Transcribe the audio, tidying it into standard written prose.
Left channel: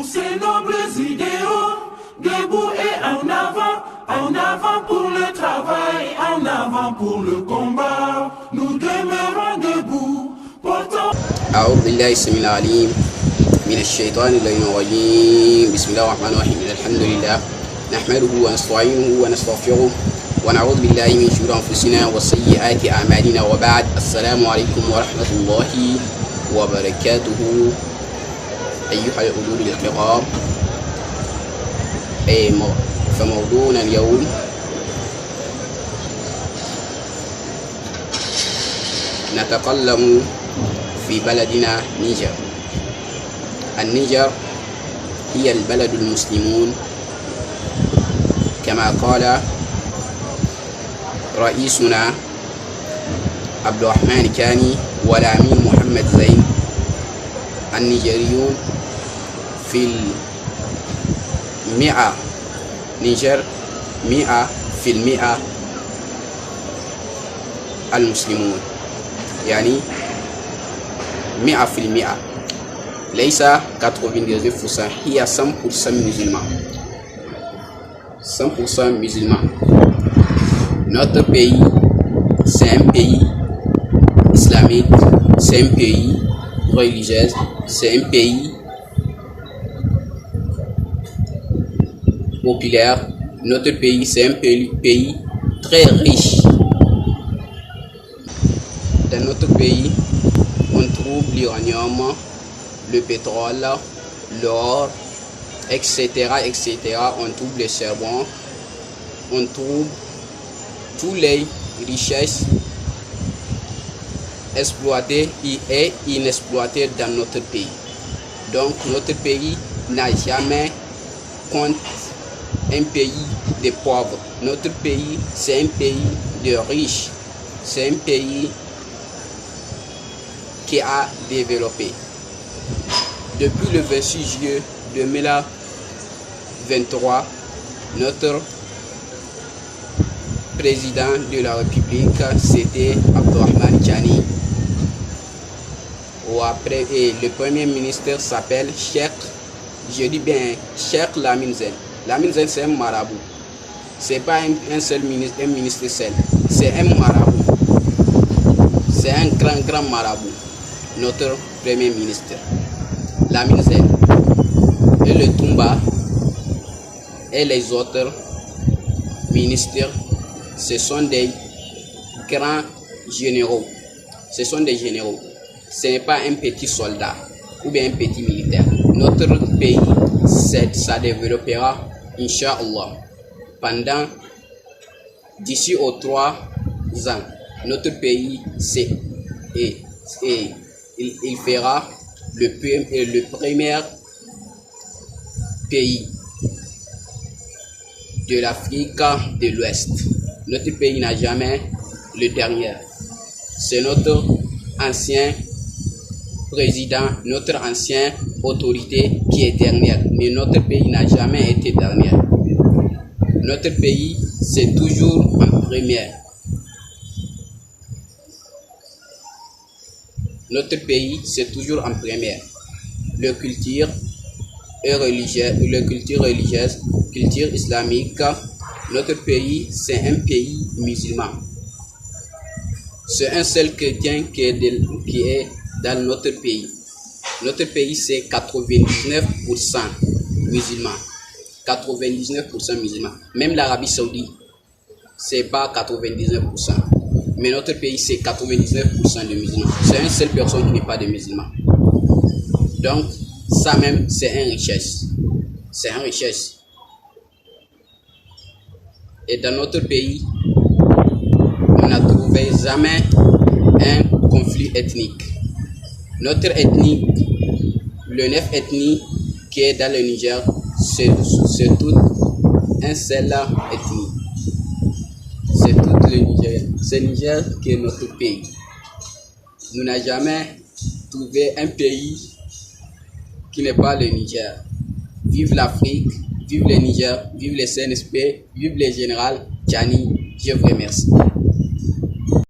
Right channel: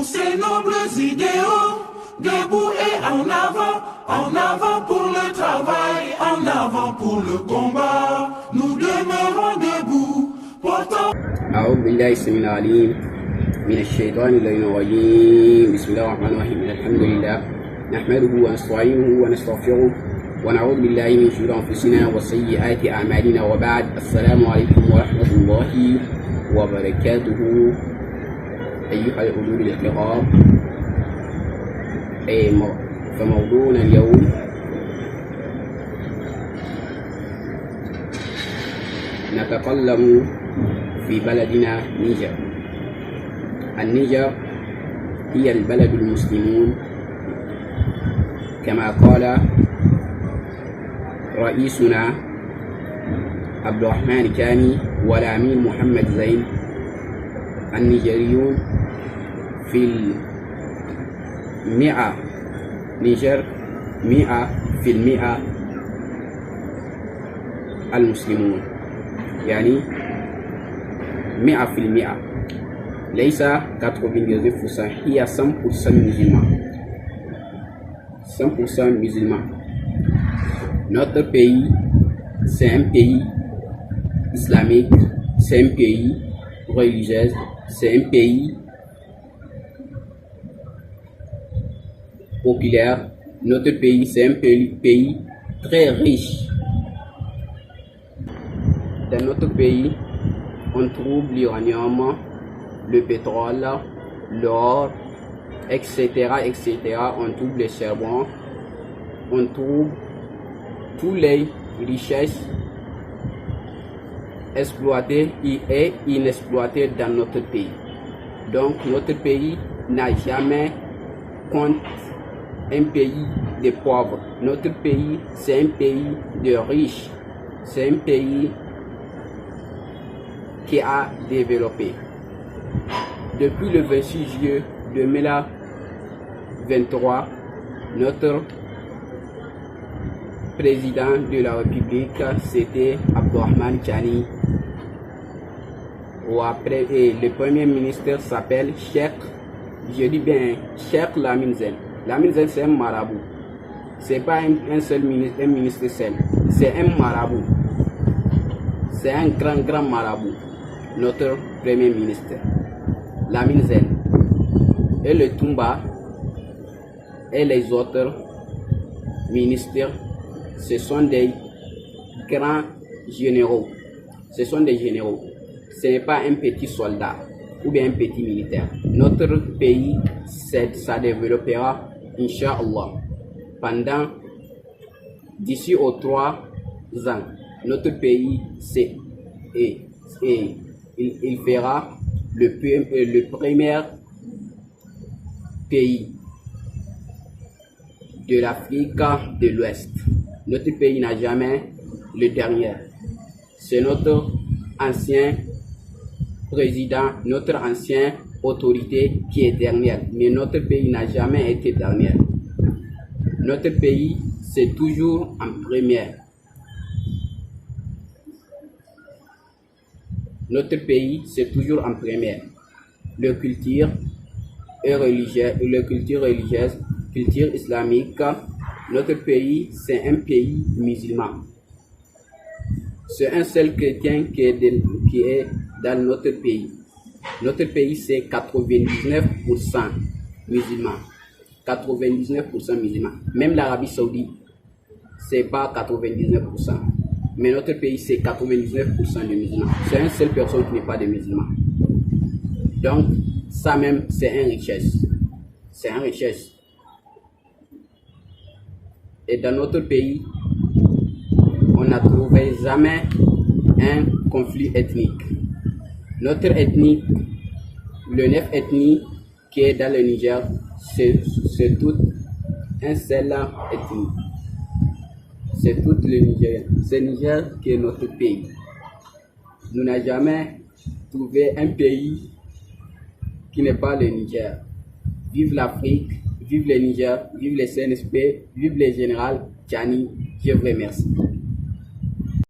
pour ces nobles idéaux. Debout et en avant pour le travail, en avant pour le combat. Nous demeurons debout, portant. أعوذ بالله السميع العليم من الشيطان اللعين الرجيم. بسم الله الرحمن الرحيم. الحمد لله نحمده ونستعينه ونستغفره ونعوذ بالله من شرور أنفسنا وسيئات أعمالنا وبعد. السلام عليكم ورحمة الله وبركاته. أيها الأولود الكرام، فموضوعنا اليوم نتكلم في بلدنا نيجر. النيجر هي البلد المسلمون كما قال رئيسنا عبد الرحمن كاني والأمين محمد زين. النيجريون في المئة، نيجر 100% المسلمون، يعني 100%، ليس 99%، هي 100% musulman. 100% musulman. Notre pays, c'est un pays islamique, c'est un pays religieux, c'est un pays populaire. Notre pays, c'est un pays très riche. Dans notre pays, on trouve l'uranium, le pétrole, l'or, etc., etc. On trouve le charbon, on trouve toutes les richesses exploitées et inexploitées dans notre pays. Donc notre pays n'a jamais compte un pays de pauvres. Notre pays, c'est un pays de riches. C'est un pays qui a développé. Depuis le 26 juillet 2023, notre président de la République, c'était Abdourahmane Tiani. Et le premier ministre s'appelle Cheikh, je dis bien Cheikh Lamine Zen. Lamine Zen, c'est un marabout. C'est pas un seul ministre, un ministre seul. C'est un marabout. C'est un grand marabout. Notre premier ministre, Lamine Zen. Et le Toumba et les autres ministres, ce sont des grands généraux. Ce sont des généraux. Ce n'est pas un petit soldat ou bien un petit militaire. Notre pays, ça développera, Inch'Allah, pendant d'ici aux 3 ans. Notre pays, il fera le premier pays de l'Afrique de l'Ouest. Notre pays n'a jamais le dernier. C'est notre ancien président, notre ancienne autorité qui est dernière. Mais notre pays n'a jamais été dernier. Notre pays, c'est toujours en première. Notre pays, c'est toujours en première. Le culture religieuse, culture islamique. Notre pays, c'est un pays musulman. C'est un seul chrétien qui est dans notre pays. Notre pays, c'est 99% musulman. 99% musulman. Même l'Arabie Saoudite, c'est pas 99%. Mais notre pays, c'est 99% de musulmans. C'est une seule personne qui n'est pas de musulman. Donc, ça même, c'est une richesse. C'est une richesse. Et dans notre pays, on n'a trouvé jamais un conflit ethnique. Notre ethnie, le 9 ethnies qui est dans le Niger, c'est toute un seul ethnie. C'est tout le Niger. C'est le Niger qui est notre pays. Nous n'avons jamais trouvé un pays qui n'est pas le Niger. Vive l'Afrique, vive le Niger, vive le CNSP, vive le général Tiani. Je vous remercie.